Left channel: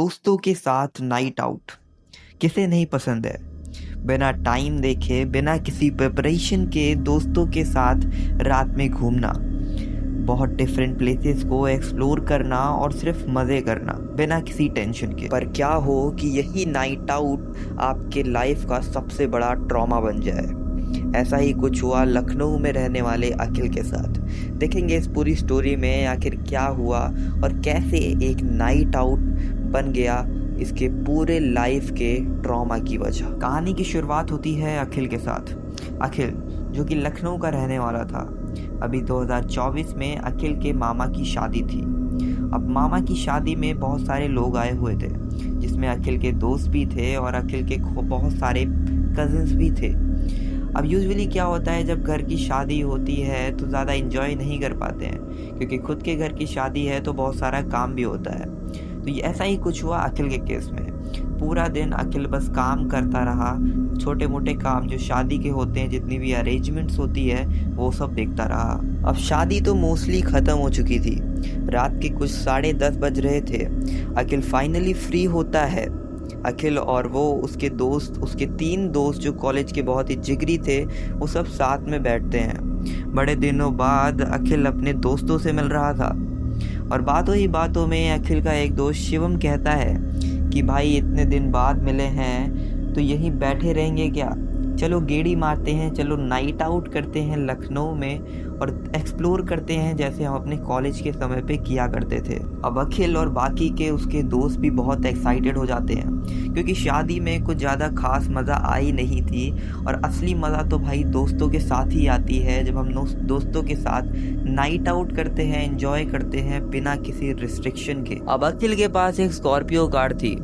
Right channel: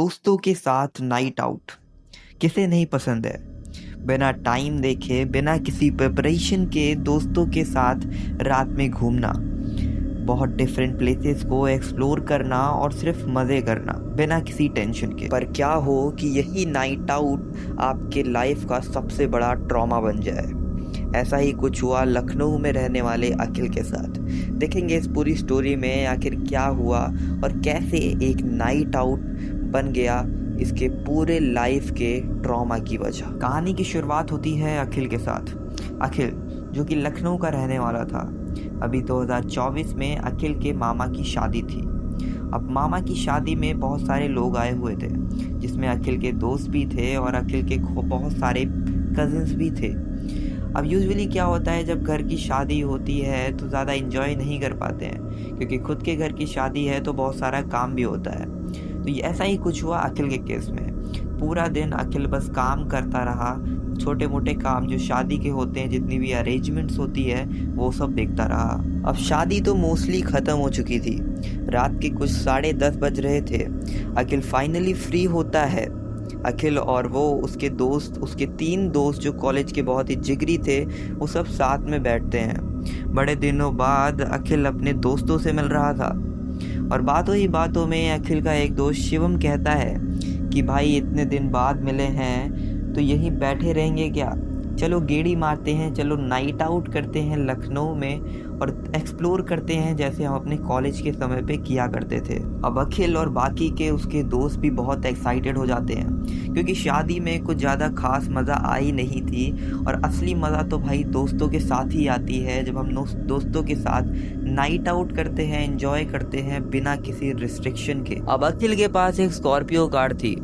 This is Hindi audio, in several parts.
दोस्तों के साथ नाइट आउट किसे नहीं पसंद है। बिना टाइम देखे, बिना किसी प्रिपरेशन के दोस्तों के साथ रात में घूमना, बहुत डिफरेंट प्लेसेस को एक्सप्लोर करना और सिर्फ मज़े करना बिना किसी टेंशन के। पर क्या हो कि यही नाइट आउट आपके लाइफ का सबसे बड़ा ट्रॉमा बन जाए। ऐसा ही कुछ हुआ लखनऊ में रहने वाले अखिल के साथ। देखेंगे इस पूरी स्टोरी में आखिर क्या हुआ और कैसे एक नाइट आउट बन गया इसके पूरे लाइफ के ट्रॉमा की वजह। कहानी की शुरुआत होती है अखिल के साथ। अखिल जो कि लखनऊ का रहने वाला था। अभी 2024 में अखिल के मामा की शादी थी। अब मामा की शादी में बहुत सारे लोग आए हुए थे, जिसमें अखिल के दोस्त भी थे और अखिल के बहुत सारे कजिन्स भी थे। अब यूजुअली क्या होता है, जब घर की शादी होती है तो ज़्यादा इन्जॉय नहीं कर पाते हैं, क्योंकि खुद के घर की शादी है तो बहुत सारा काम भी होता है। तो ये ऐसा ही कुछ हुआ अखिल के केस में। पूरा दिन अखिल बस काम करता रहा, छोटे मोटे काम जो शादी के होते हैं, जितनी भी अरेंजमेंट्स होती है वो सब देखता रहा। अब शादी तो मोस्टली ख़त्म हो चुकी थी, रात के कुछ 10:30 बज रहे थे। अखिल फाइनली फ्री होता है। अखिल और वो उसके दोस्त, उसके 3 दोस्त जो कॉलेज के बहुत ही जिगरी थे, वो सब साथ में बैठते हैं। बड़े दिनों बाद अखिल अपने दोस्तों से मिल रहा था और बातों ही बातों में अखिल का एक दोस्त शिवम कहता है कि भाई इतने दिन बाद मिले हैं तो यहीं बैठे रहेंगे क्या, चलो गेड़ी मारते हैं, चलो नाइट आउट करते हैं लखनऊ में और एक्सप्लोर करते हैं जैसे हम अपने कॉलेज के समय पे किया करते थे। अब अखिल और बाकी के उसके दोस्त भी बहुत एक्साइटेड हो जाते हैं, क्योंकि शादी में कुछ ज़्यादा खास मज़ा आई नहीं थी और असली मज़ा तो भाई दोस्तों के साथ ही आती है, जब हम दोस्तों के साथ नाइट आउट करते हैं, एंजॉय करते हैं बिना किसी रिस्ट्रिक्शन के। अब अखिल के पास एक स्कॉर्पियो कार थी,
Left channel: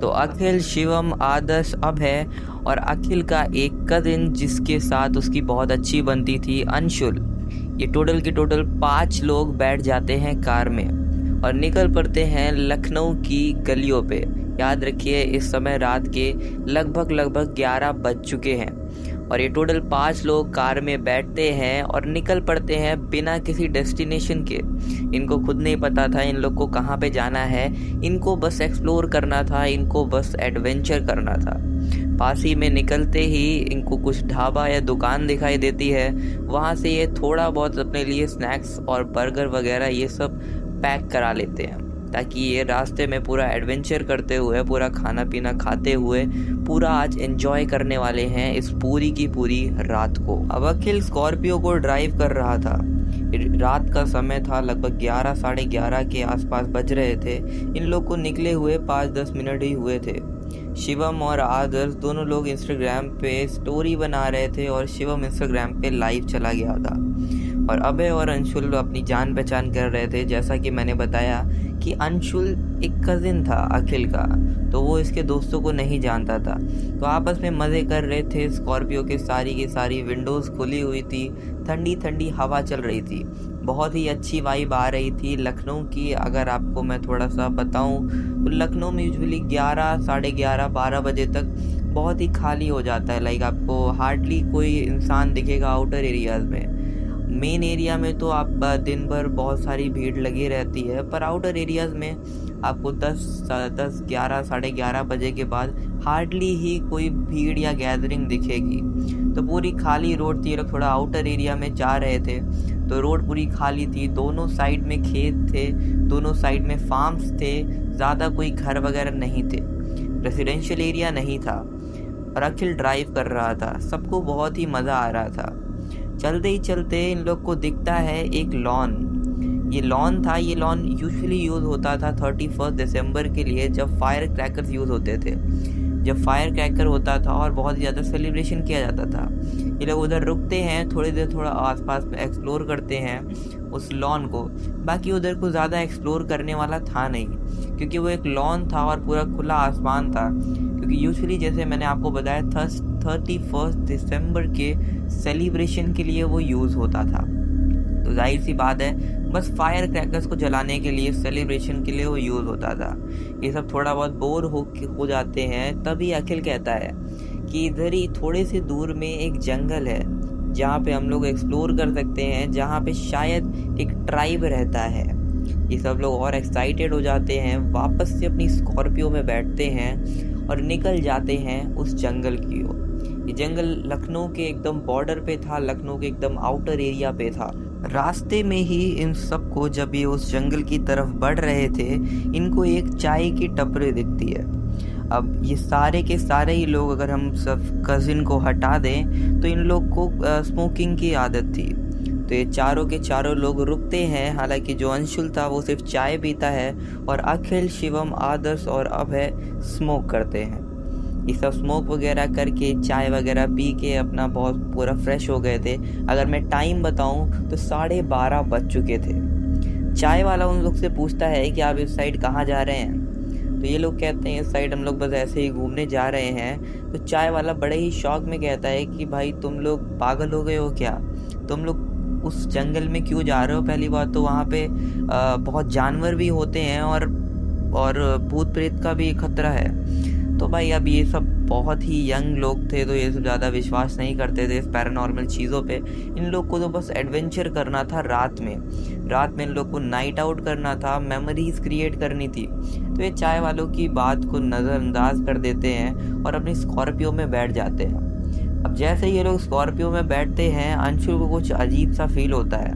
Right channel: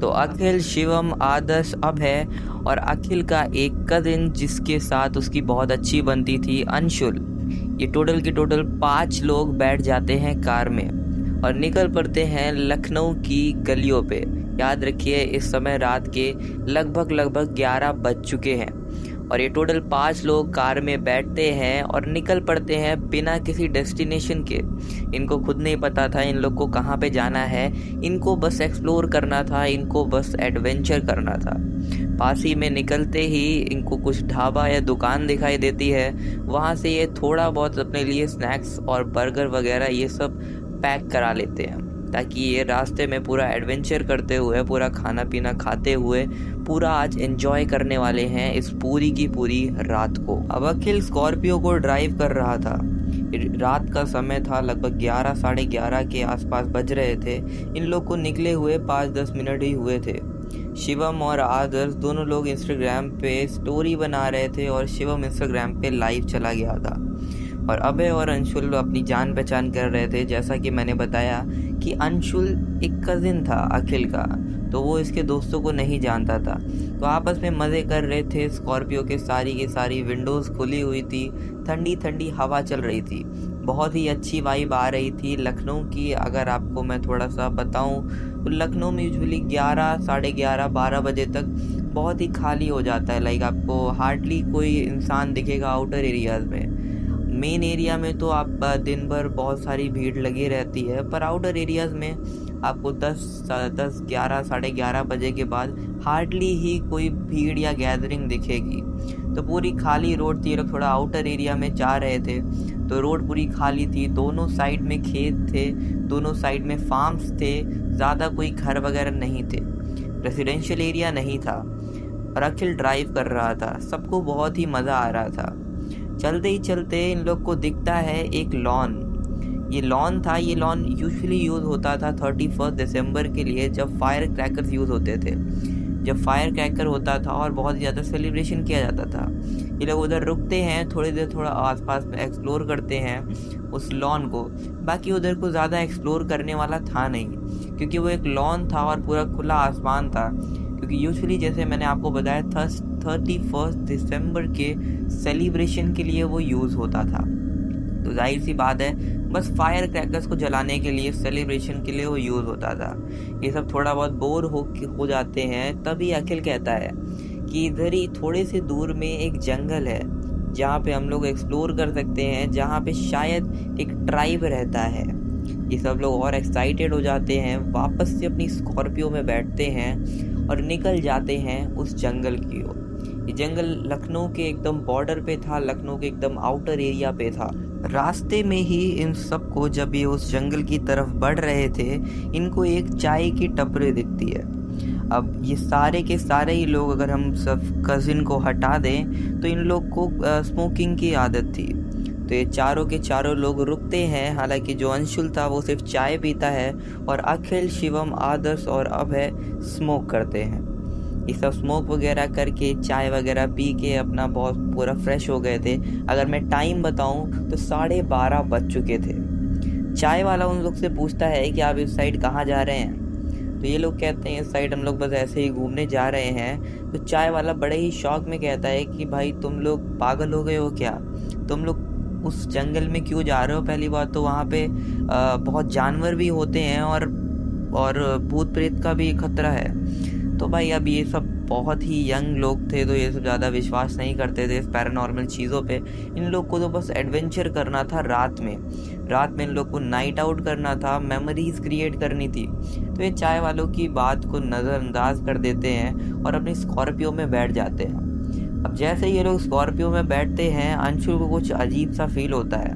तो अखिल, शिवम, आदर्श, अभय और अखिल का एक कजिन जिसके साथ उसकी बहुत अच्छी बनती थी, अंशुल, ये टोटल के टोटल 5 लोग बैठ जाते हैं कार में और निकल पड़ते हैं लखनऊ की गलियों पे। याद रखिए इस समय रात के लगभग 11 बज चुके हैं और ये टोटल 5 लोग कार में बैठते हैं और निकल पड़ते हैं बिना किसी डेस्टिनेशन के। इनको खुद नहीं पता था इन लोग को कहाँ पे जाना है, इनको बस एक्सप्लोर करना था, इनको बस एडवेंचर करना था। पास ही में निकलते ही इनको कुछ ढाबा या दुकान दिखाई देती है, वहाँ से ये थोड़ा बहुत अपने लिए स्नैक्स और बर्गर वगैरह ये सब पैक करा लेते हैं, ताकि ये रास्ते में पूरा एडवेंचर करते हुए, पूरा खाना पीना खाते हुए पूरा आज एंजॉय करने वाले हैं इस पूरी की पूरी रात को। अब अखिल स्कॉर्पियो को ड्राइव कर रहा था। रात का समय था, लगभग 11 साढ़े 11 के आसपास बज रहे थे। इन लोग को निकले हुए 5-10 मिनट ही हुए थे। शिवम और आदर्श दोनों लोग इंस्टाग्राम पे स्टोरी बना रहे थे और शिवम इंस्टाग्राम पे लाइव चला गया था और अभय और अंशुल अपनी जान पहचान कर रहे थे। जैसा कि मैंने बताया कि अंशुल एक कजिन था अखिल का, तो वो इसके दोस्तों को नहीं जानता था, तो आपस में मज़े कर रहे थे। स्कॉर्पियो के सारी की सारी विंडोज़ खुली हुई थी, ठंडी ठंडी हवा चल रही थी, बहुत ही अच्छी वाइब आ रही थी लखनऊ की। अगर आपको मैं थोड़ा सा बताऊं तो लखनऊ में यूजुअली 11 साढ़े 11 12 बजे तक बहुत ही खाली हो जाता है। लाइक आपको हार्डली कोई इंसान दिखेगा आउटर एरियाज़ में। मेन एरिया में तो आप दिन भर बहुत सारी भीड़ लगी रहती है, पर आउटर एरियाज़ में आपको 10 11 साढ़े 11 बजे के बाद हार्डली ही कोई भीड़ या गैदरिंग दिखेगी। तो पूरी खाली रोड थी। लोग थोड़ा आउटर एरिया में जा रहे थे तो रोड पूरी खाली थी, दोनों साइड में खेत थे, दोनों साइड में फार्म्स थे, ज़्यादा कोई घर वगैरह नहीं थे, रेसिडेंशियल एरिया नहीं था। और अखिल ड्राइव कर रहा था, सबको बहुत ही मज़ा आ रहा था। चलते ही चलते इन लोग को दिखता है एक लॉन। ये लॉन था, ये लॉन यूजुअली यूज़ होता था 31 दिसंबर के लिए, जब फायर क्रैकर्स यूज़ होते थे, जब फायर क्रैकर होता था और बहुत ही ज़्यादा सेलिब्रेशन किया जाता था। ये लोग उधर रुकते हैं, थोड़ी देर थोड़ा आसपास में एक्सप्लोर करते हैं उस लॉन को। बाकी उधर को ज़्यादा एक्सप्लोर करने वाला था नहीं, क्योंकि वो एक लॉन था और पूरा खुला आसमान था। क्योंकि यूजुअली जैसे मैंने आपको बताया 31 दिसंबर के सेलिब्रेशन के लिए वो यूज़ होता था, तो जाहिर सी बात है बस फायर क्रैकर्स को जलाने के लिए, सेलिब्रेशन के लिए वो यूज़ होता था। ये सब थोड़ा बहुत बोर हो जाते हैं, तभी अखिल कहता है कि इधर ही थोड़े से दूर में एक जंगल है जहाँ पे हम लोग एक्सप्लोर कर सकते हैं, जहाँ पे शायद एक ट्राइब रहता है ये सब लोग और एक्साइटेड हो जाते हैं, वापस से अपनी स्कॉर्पियो में बैठते हैं और निकल जाते हैं उस जंगल की ओर। ये जंगल लखनऊ के एकदम बॉर्डर पे था, लखनऊ के एकदम आउटर एरिया पे था। रास्ते में ही इन सबको, जब ये उस जंगल की तरफ बढ़ रहे थे, इनको एक चाय की टपरी दिखती है। अब ये सारे के सारे ही लोग, अगर हम सब कज़िन को हटा दें, तो इन लोग को स्मोकिंग की आदत थी। तो ये चारों के चारों लोग रुकते हैं। हालांकि जो अंशुल था वो सिर्फ चाय पीता है और अखिल, शिवम, आदर्श और अभय स्मोक करते हैं। ये सब स्मोक वगैरह करके, चाय वगैरह पी के अपना बहुत पूरा फ्रेश हो गए थे। अगर मैं टाइम बताऊं तो 12:30 बज चुके थे। चाय वाला उन लोग से पूछता है कि आप इस साइड कहाँ जा रहे हैं? तो ये लोग कहते हैं इस साइड हम लोग बस ऐसे ही घूमने जा रहे हैं। तो चाय वाला बड़े ही शौक में कहता है कि भाई तुम लोग पागल हो गए हो क्या? तुम लोग उस जंगल में क्यों जा रहे हो? पहली बात तो वहाँ पे बहुत जानवर भी होते हैं और भूत प्रेत का भी खतरा है। तो भाई अब ये सब बहुत ही यंग लोग थे, तो ये सब ज़्यादा विश्वास नहीं करते थे इस पैरानॉर्मल चीज़ों पे। इन लोग को तो बस एडवेंचर करना था रात में इन लोग को नाइट आउट करना था, मेमोरीज क्रिएट करनी थी। तो ये चाय वालों की बात को नज़रअंदाज कर देते हैं और अपनी स्कॉर्पियो में बैठ जाते हैं। अब जैसे ये लोग स्कॉर्पियो में बैठते हैं, अंशुल को कुछ अजीब सा फील होता है।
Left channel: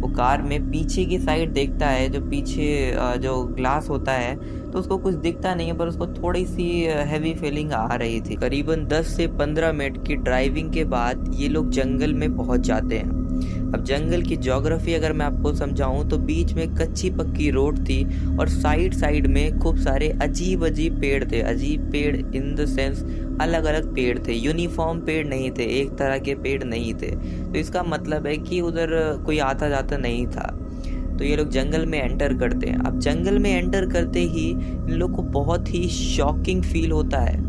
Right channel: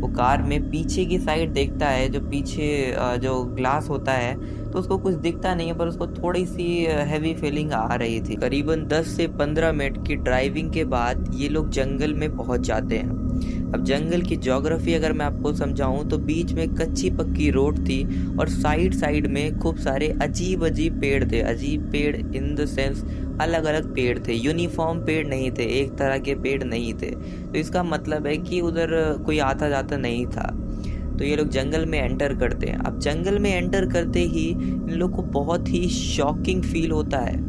वो कार में पीछे की साइड देखता है, जो पीछे जो ग्लास होता है, तो उसको कुछ दिखता नहीं है, पर उसको थोड़ी सी हैवी फीलिंग आ रही थी। करीबन 10 से 15 मिनट की ड्राइविंग के बाद ये लोग जंगल में पहुंच जाते हैं। अब जंगल की ज्योग्राफी अगर मैं आपको समझाऊं तो बीच में कच्ची पक्की रोड थी और साइड में खूब सारे अजीब अजीब पेड़ थे। अजीब पेड़ इन द सेंस अलग अलग पेड़ थे, यूनिफॉर्म पेड़ नहीं थे, एक तरह के पेड़ नहीं थे। तो इसका मतलब है कि उधर कोई आता जाता नहीं था। तो ये लोग जंगल में एंटर करते हैं। अब जंगल में एंटर करते ही इन लोग को बहुत ही शॉकिंग फील होता है।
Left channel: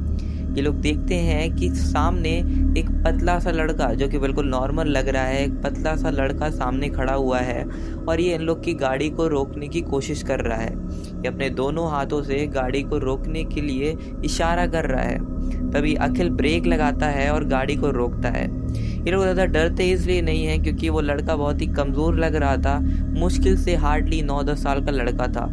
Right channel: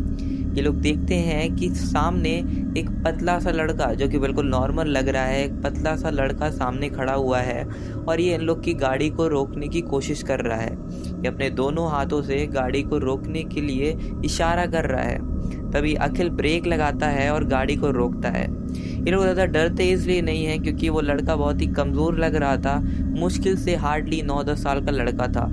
ये लोग देखते हैं कि सामने एक पतला सा लड़का, जो कि बिल्कुल नॉर्मल लग रहा है, एक पतला सा लड़का सामने खड़ा हुआ है और ये इन लोग की गाड़ी को रोकने की कोशिश कर रहा है। ये अपने दोनों हाथों से गाड़ी को रोकने के लिए इशारा कर रहा है। तभी अखिल ब्रेक लगाता है और गाड़ी को रोकता है। ये लोग ज़्यादा डरते इसलिए नहीं है क्योंकि वो लड़का बहुत ही कमज़ोर लग रहा था। मुश्किल से हार्डली 9-10 साल का लड़का था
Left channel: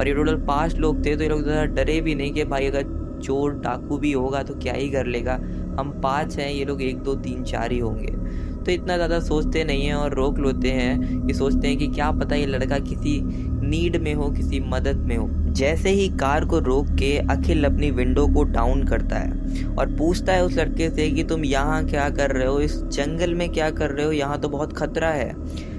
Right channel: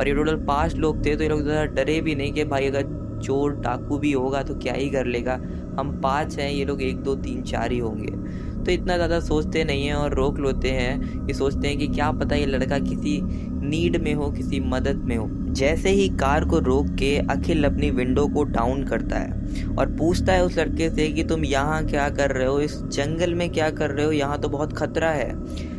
और ये टोटल 5 लोग थे। तो ये लोग ज़्यादा डरे भी नहीं कि भाई अगर चोर डाकू भी होगा तो क्या ही कर लेगा, हम 5 हैं, ये लोग 1 2 3 4 ही होंगे। तो इतना ज़्यादा सोचते नहीं हैं और रोक लेते हैं। ये सोचते हैं कि क्या पता ये लड़का किसी नीड में हो, किसी मदद में हो। जैसे ही कार को रोक के अखिल अपनी विंडो को डाउन करता है और पूछता है उस लड़के से कि तुम यहाँ क्या कर रहे हो, इस जंगल में क्या कर रहे हो, यहाँ तो बहुत खतरा है।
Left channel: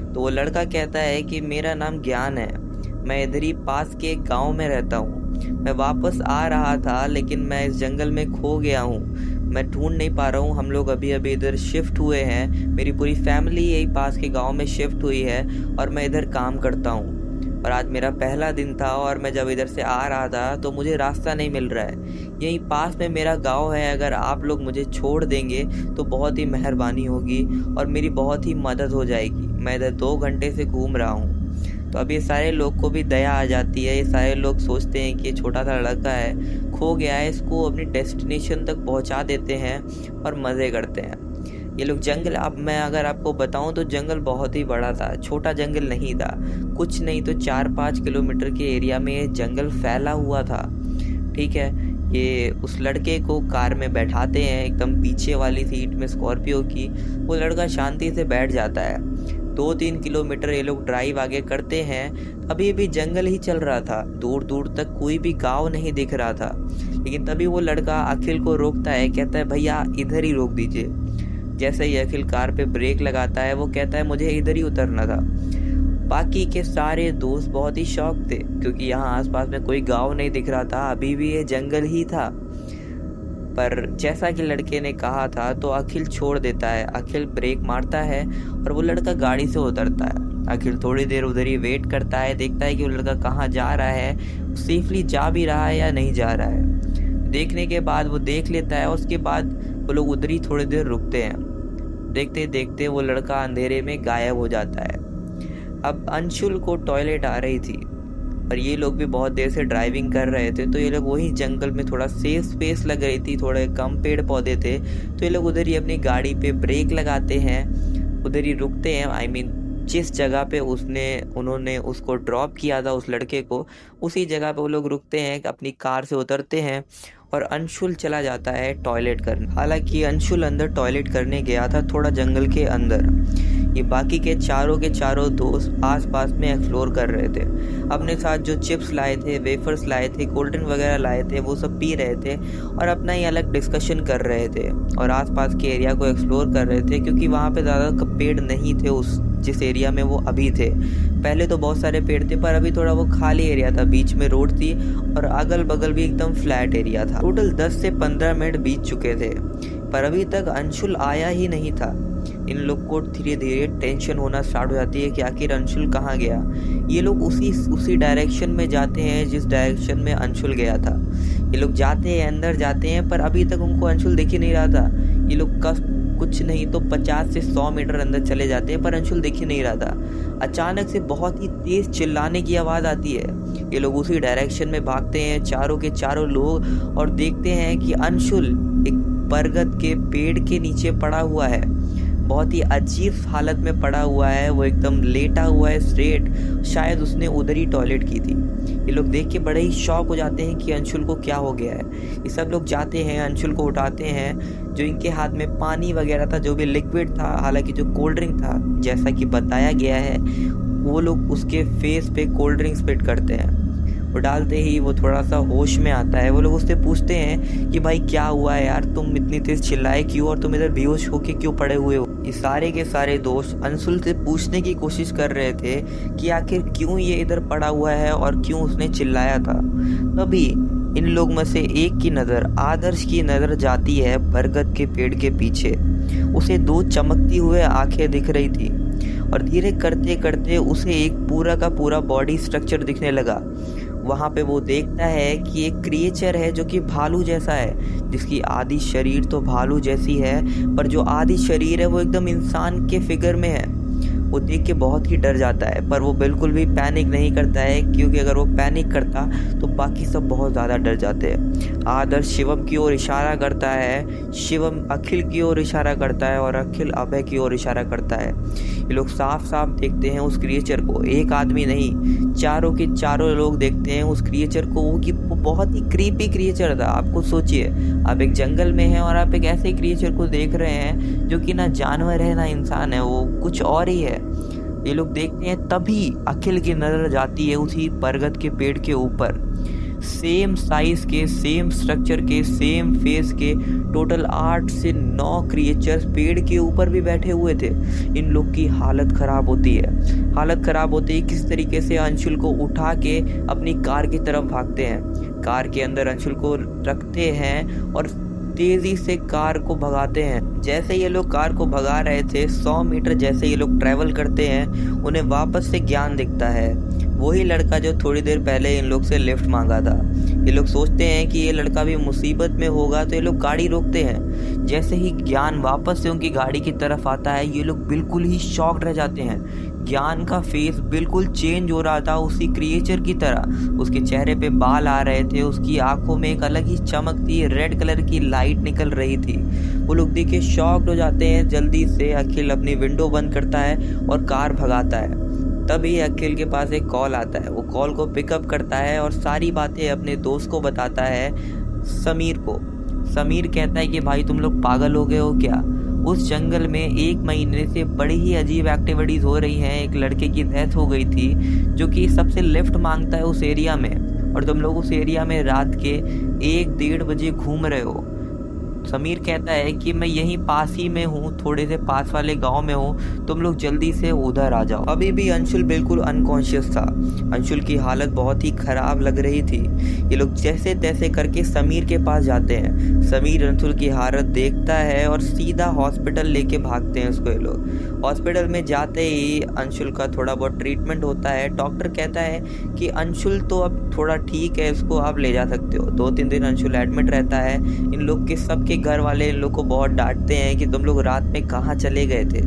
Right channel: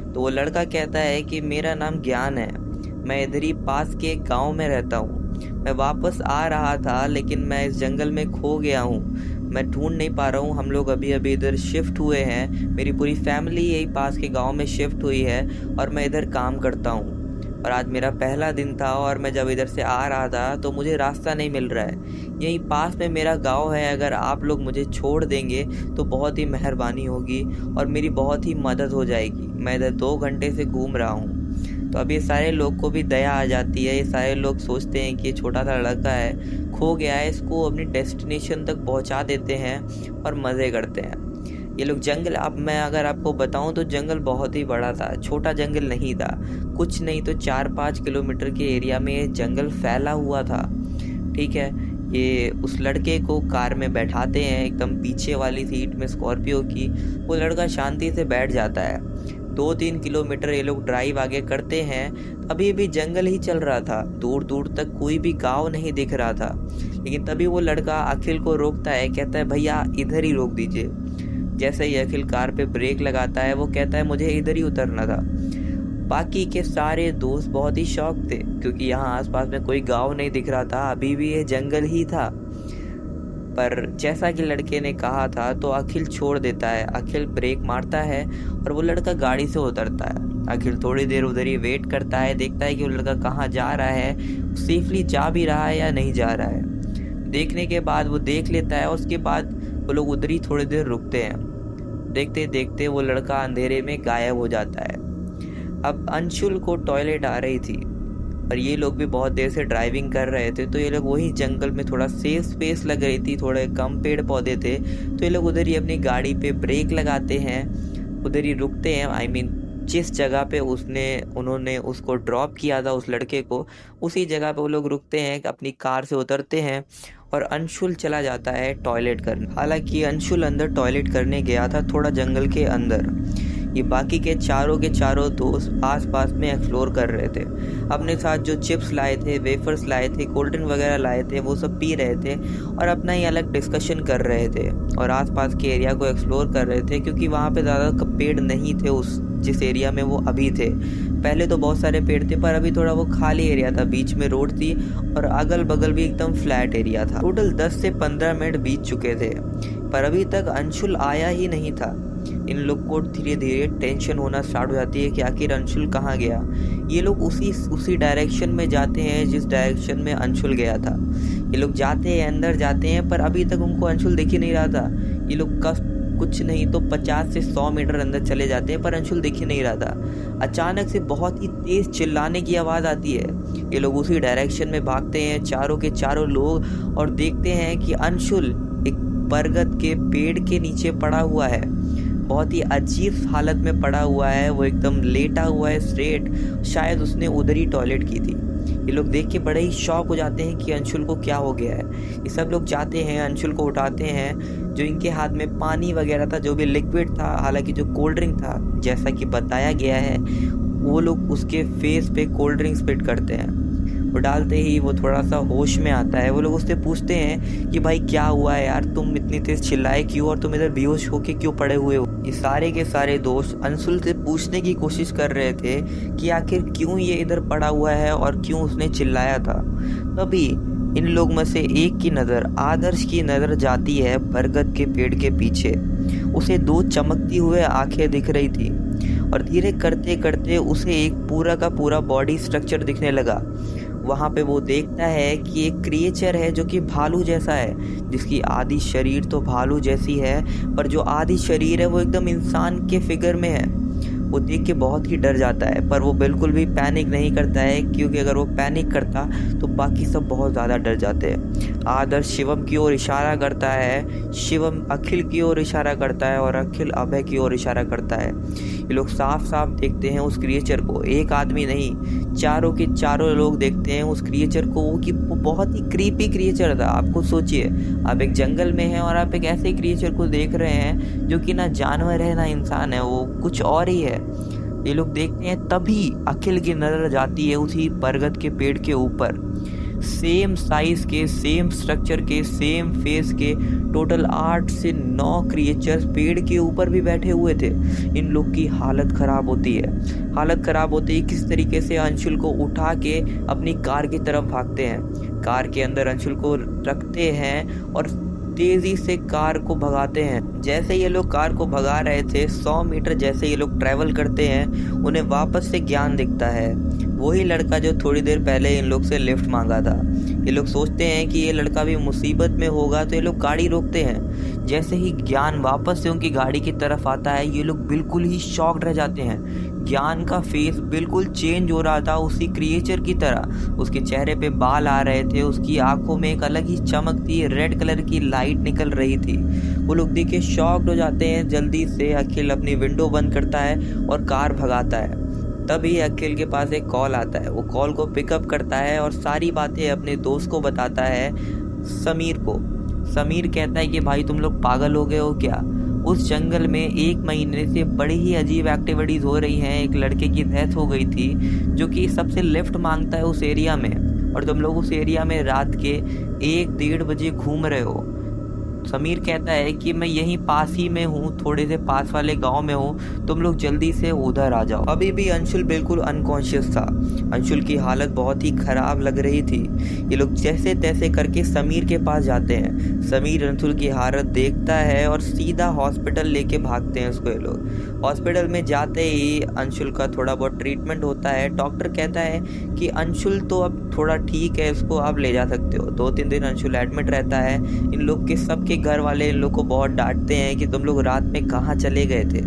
तो वो लड़का कहता है कि मेरा नाम ज्ञान है, मैं इधर ही पास के एक गाँव में रहता हूँ। मैं वापस आ रहा था लेकिन मैं इस जंगल में खो गया हूँ, मैं ढूंढ नहीं पा रहा हूँ। हम लोग अभी इधर शिफ्ट हुए हैं, मेरी पूरी फैमिली यही पास के गांव में शिफ्ट हुई है और मैं इधर काम करता हूँ। और आज मेरा पहला दिन था और मैं जब इधर से आ रहा था तो मुझे रास्ता नहीं मिल रहा है। यहीं पास में मेरा गांव है, अगर आप लोग मुझे छोड़ देंगे तो बहुत ही मेहरबानी होगी और मेरी बहुत ही मदद हो जाएगी। मैं इधर 2 घंटे से घूम रहा हूँ। तो अब ये सारे लोग को भी दया आ जाती है। ये सारे लोग सोचते हैं कि ये छोटा सा लड़का है, खो गया है, इसको अपनी डेस्टिनेशन तक पहुंचा देते हैं और मज़े करते हैं। ये लोग जंगल, अब मैं अगर आपको बताऊं तो जंगल बहुत ही बड़ा था, छोटा जंगल नहीं था। कुछ नहीं तो 4-5 किलोमीटर के एरिया में ये जंगल फैला हुआ था। ठीक है, ये उस लड़के को कार में बैठाते हैं, एकदम पीछे वाली सीट में स्कॉर्पियो की। वो लड़का शांति से बैठ जाता है। 2-3 किलोमीटर ये लोग ड्राइव आगे करते हैं। अभी भी जंगल ही चल रहा था, दूर दूर तक कोई भी गांव नहीं दिख रहा था। लेकिन तभी वो लड़का अखिल को रोकता है, कहता है भैया इधर ही रोक दीजिए। जैसे ही अखिल कार पे ब्रेक लगाता है वो कहता है मुझे इधर ही उतरना था। बाकी के सारे दोस्त बहुत ही शौक थे क्योंकि यहाँ आसपास में कोई गांव नहीं दिख रहा था, अभी भी ये जंगल ही था। पर जैसा कि लड़के ने कहा था तो अखिल छोड़ देता है। अखिल ब्रेक मारता है और वो लड़का गाड़ी से उतरता है। अखिल थोड़ी देर उधर ही वेट करता है, देखता है कि वो लड़का कहाँ जा रहा है, सेफली जा भी रहा है या नहीं जा रहा है। देखने के बाद वो देख लेता है। उसके बाद वो लोग उधर ही थोड़ी देर रुकते हैं। देखते देखते वो लड़का अंधेरे में गायब हो जाता है। अब अंशुल को टॉयलेट आ रही थी और ये लोग भी बहुत देर से ड्राइविंग कर रहे थे। तो ये लोग वही जंगल में, थोड़ा सेफ स्पेस लग रही थी, थोड़े कम पेड़ पौधे थे, तो ये लोग उधर ही अपनी गाड़ी पे ब्रेक लगाते हैं, उधर ही रुकते हैं। जिस जगह पे उन्होंने उसको ड्रॉप किया था उस लड़के को, उसी जगह पे वो लोग रुकते हैं, अपनी कार से उतरते हैं और अंशुल चला जाता है टॉयलेट करने। हालांकि अंशुल अंदर टॉयलेट करने गया था थोड़ा जंगल के अंदर। ये बाकी के चारों दोस्त आसपास में एक्सप्लोर कर रहे थे। अपने साथ जो चिप्स लाए थे, वेफर्स लाए थे, कोल्ड ड्रिंक वगैरह लाए थे, वो सब पी रहे थे और अपना ही अलग डिस्कशन कर रहे थे और आसपास के एरिया को एक्सप्लोर कर रहे थे, क्योंकि वहाँ पे ज़्यादा पेड़ नहीं थे उस जिस एरिया में वो अभी थे। पहले तो बहुत सारे पेड़ थे, पर अभी थोड़ा वो खाली एरिया था, बीच में रोड थी और अगल बगल भी एकदम फ्लैट एरिया था। टोटल 10 से 15 मिनट बीत चुके थे, पर अभी तक अंशुल आया ही नहीं था। इन लोग को धीरे धीरे टेंशन होना स्टार्ट हो जाती है कि आखिर अंशुल कहाँ गया। ये लोग उसी डायरेक्शन में जाते हैं जिस डायरेक्शन में अंशुल गया था। ये लोग जाते हैं, अंदर जाते हैं, पर अभी तक उनको अंशुल दिख ही नहीं रहा था। ये लोग कुछ नहीं तो 50 से 100 मीटर अंदर चले जाते हैं, पर अंशुल दिख ही नहीं रहा था। अचानक से बहुत ही तेज चिल्लाने की आवाज़ आती है। ये लोग उसी डायरेक्शन में भागते हैं, चारों के चारों लोग, और देखते हैं कि अंशुल एक बरगद के पेड़ के नीचे पड़ा हुआ है। बहुत ही अजीब हालत में पड़ा हुआ है, वो एकदम लेटा हुआ है स्ट्रेट। शायद उसने उधर ही टॉयलेट की थी। ये लोग देख के बड़े ही शॉक हो जाते हैं कि अंशुल को क्या हो गया है। ये सब लोग जाते हैं, अंशुल को उठाते हैं। जो इनके हाथ में पानी वगैरह था, जो भी लिक्विड था, हालांकि जो कोल्ड ड्रिंक था, जैसा कि बताया गया है, वो लोग उसके फेस पे कोल्ड ड्रिंक स्पिट करते हैं। वो डालते ही वो थोड़ा सा होश में आता है। वो लोग उससे पूछते हैं कि भाई क्या हुआ है यार, तुम इतनी तेज चिल्लाए क्यों और तुम इधर बेहोश होके क्यों पड़े हुए हो। ये सारे के सारे दोस्त अंशुल से पूछने की कोशिश कर रहे थे कि आखिर क्यों ये इधर पड़ा हुआ है और क्यों उसने चिल्लाया था। तभी इन लोग में से एक की नज़र, आदर्श की नज़र जाती है बरगद के पेड़ के पीछे। उसे 2 चमकती हुए आंखें दिख रही थी और धीरे करते करते उसे एक पूरा का पूरा बॉडी स्ट्रक्चर दिखने लगा। वहाँ पे वो देखता है कि एक क्रिएचर है जो कि भालू जैसा है, जिसकी आधी शरीर तो भालू जैसी है, पर जो आधी शरीर है वो एकदम इंसान के फिगर में है। वो देख के बहुत ही डर जाता है, पर वो बिल्कुल भी पैनिक नहीं करता है, क्योंकि अगर वो पैनिक करता तो बाकी सब बहुत ज़्यादा डर जाते हैं। आदर्श शिवम की ओर इशारा करता है, शिवम अखिल की ओर इशारा करता है और अखिल अभय की ओर इशारा करता है। ये लोग साफ साफ देखते हैं उस क्रिएचर को। एक आदमी नहीं, चारों के चारों लोग देखते हैं उस क्रिएचर को, कि वो बहुत ही क्रीपी क्रिएचर था। आपको सोचिए, आप एक जंगल में हैं और आप एक ऐसे क्रिएचर को देख रहे हैं जो कि ना जानवर है ना इंसान है, वो कुछ और ही है। ये लोग देखते हैं, तभी अखिल की नजर जाती है उसी बरगद के पेड़ के ऊपर। सेम साइज के, सेम स्ट्रक्चर के, सेम फेस के टोटल 8 से 9 क्रिएचर्स पेड़ के ऊपर भी बैठे हुए थे। इन लोग की हालत खराब होती है। हालत खराब होती है किस तरीके से अंशुल को उठा के अपनी कार की तरफ भागते हैं। कार के अंदर अंशुल को रखते हैं और तेजी से कार को भगाते हैं। जैसे ये लोग कार को भगा रहे थे, 100 मीटर जैसे ये लोग ट्रैवल करते हैं, उन्हें वापस से ज्ञान दिखता है। वही लड़का जो थोड़ी देर पहले इन लोग से लिफ्ट मांगा था। ये लोग सोचते हैं कि ये लड़का भी मुसीबत में होगा, तो ये लोग गाड़ी रोकते हैं। जैसे ही ज्ञान वापस से उनकी गाड़ी की तरफ आता है, ये लोग बिल्कुल ही शॉक्ड रह जाते हैं। ज्ञान का फेस बिल्कुल चेंज हो रहा था उसी क्रिएचर की तरह। उसके चेहरे पे बाल आ रहे थे, उसकी आंखों में एक अलग ही चमक थी, रेड कलर की लाइट निकल रही थी। वो लोग देख के शॉक्ड हो जाते हैं। जल्दी से अखिल अपनी विंडो बंद करता है और कार भगाता है। तभी अखिल के पास एक कॉल आता है। वो कॉल को पिकअप करता है और सारी बातें अपने दोस्त को बताता है, समीर को। समीर कहता है कि भाई तुम लोग पागल हो गए हो क्या? उस जंगल में 1 महीने से बड़ी ही अजीब एक्टिविटीज हो रही हैं। एक लड़के की डेथ हो गई थी जो कि सबसे लिफ्ट मांगता है उस एरिया में, और तुम लोग उस एरिया में रात के 1-1:30 बजे घूम रहे हो। समीर कहता है कि मैं यहीं पास ही में हूँ, थोड़े से पास वाले गांव में हूँ, तुम लोग जल्दी से उधर आ जाओ। अभी भी अंशुल बिल्कुल अनकॉन्शियस था। अंशुल की हालत बहुत ही खराब लग रही थी। ये लोग जैसे तैसे करके समीर के पास जाते हैं। समीर अंशुल की हालत देखता है और सीधा हॉस्पिटल लेके भागते हैं उसको। ये लोग हॉस्पिटल में जाते ही अंशुल का थोड़ा बहुत ट्रीटमेंट होता है। डॉक्टर कहता है कि अंशुल तो अब थोड़ा ठीक है, इसको आप ले जा सकते हो। 2-3 दिन अंशुल एडमिट रहता है। इन लोग के सबके घर वाले इन लोग को बहुत डांटते हैं कि तुम लोग रात में कहाँ चले गए थे।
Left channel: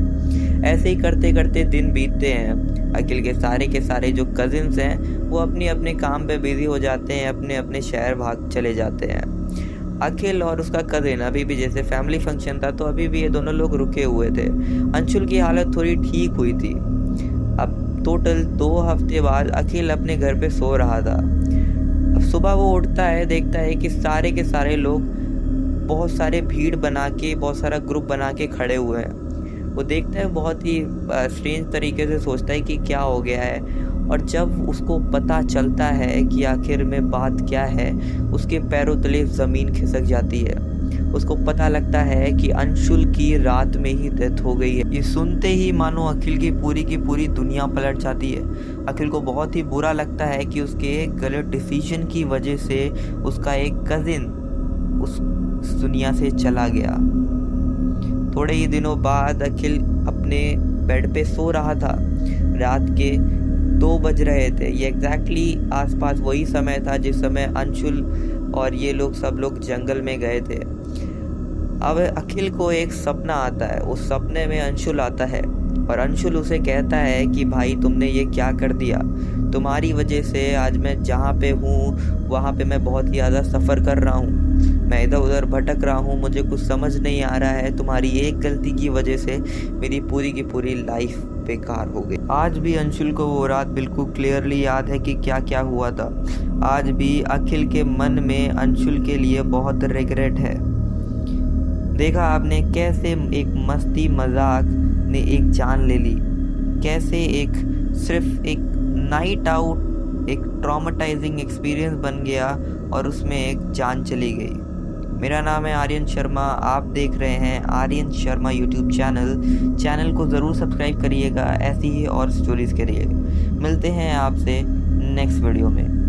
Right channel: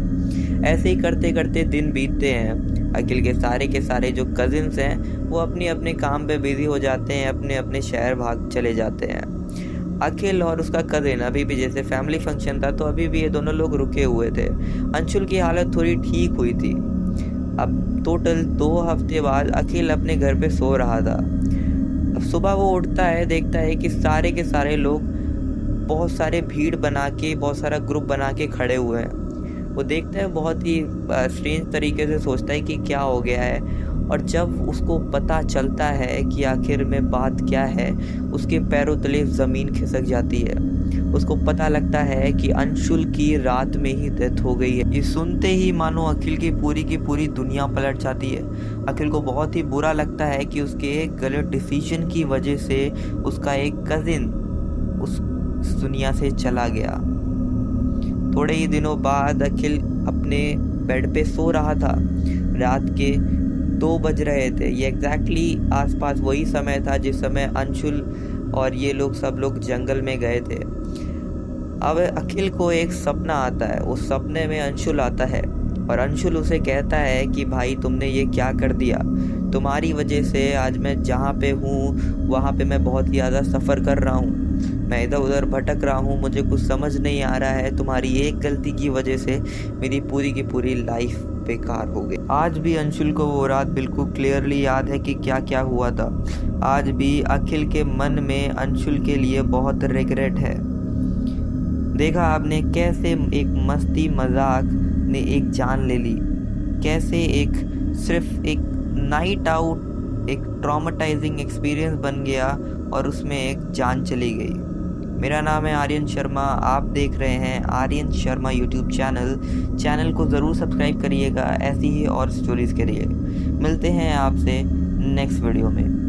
ऐसे ही करते करते दिन बीतते हैं। अखिल के सारे जो कजिन्स हैं वो अपने अपने काम पे बिजी हो जाते हैं, अपने अपने शहर भाग चले जाते हैं। अखिल और उसका कजिन अभी भी, जैसे फैमिली फंक्शन था तो अभी भी ये दोनों लोग रुके हुए थे। अंशुल की हालत थोड़ी ठीक हुई थी। टोटल 2 हफ्ते बाद अखिल अपने घर पे सो रहा था। अब सुबह वो उठता है, देखता है कि सारे के सारे लोग बहुत सारे भीड़ बना के, बहुत सारा ग्रुप बना के खड़े हुए हैं। वो देखता है, बहुत ही स्ट्रेंज तरीके से सोचता है कि क्या हो गया है। और जब उसको पता चलता है कि आखिर में बात क्या है, उसके पैरों तले ज़मीन खिसक जाती है। उसको पता लगता है कि अंशुल की रात में ही डेथ हो गई है। ये सुनते ही मानो अखिल की पूरी दुनिया पलट जाती है। अखिल को बहुत ही बुरा लगता है कि उसके एक गलत डिसीजन की वजह से उसका एक कजिन उस दुनिया से चला गया। थोड़े ही दिनों बाद अखिल अपने बेड पे सो रहा था। रात के 2 बज रहे थे। ये एग्जैक्टली आसपास वही समय था जिस समय अंशुल और ये लोग सब लोग जंगल में गए थे। अब अखिल को एक सपना आता है। उस सपने में अंशुल आता है और अंशुल उसे कहता है कि भाई तुमने ये क्या कर दिया, तुम्हारी वजह से आज मैं जहाँ पे हूँ वहाँ पे मैं बहुत ही ज़्यादा सफ़र कर रहा हूँ, मैं इधर उधर भटक रहा हूँ, मुझे कुछ समझ नहीं आ रहा है, तुम्हारी एक गलती की वजह से मेरी पूरी की पूरी लाइफ बेकार हो गई। आज भी अंशुल को वो रात बिल्कुल क्लियरली याद है कि क्या क्या हुआ था। आज भी अखिल के मन में अंशुल के लिए बहुत रिग्रेट है। देखा आपने कैसे एक मस्ती मजाक ने एक जान ले ली, कैसे एक सिर्फ एक नाइट आउट एक ट्रॉमेटाइजिंग एक्सपीरियंस बन गया और उसमें एक जान चली गई। मेरा नाम है आर्यन शर्मा, आप देख रहे हैं आर्यन शर्मा यूट्यूब चैनल को ज़रूर सब्सक्राइब करिएगा ऐसी ही और स्टोरीज़ के लिए। मिलते हैं आपसे नेक्स्ट वीडियो में।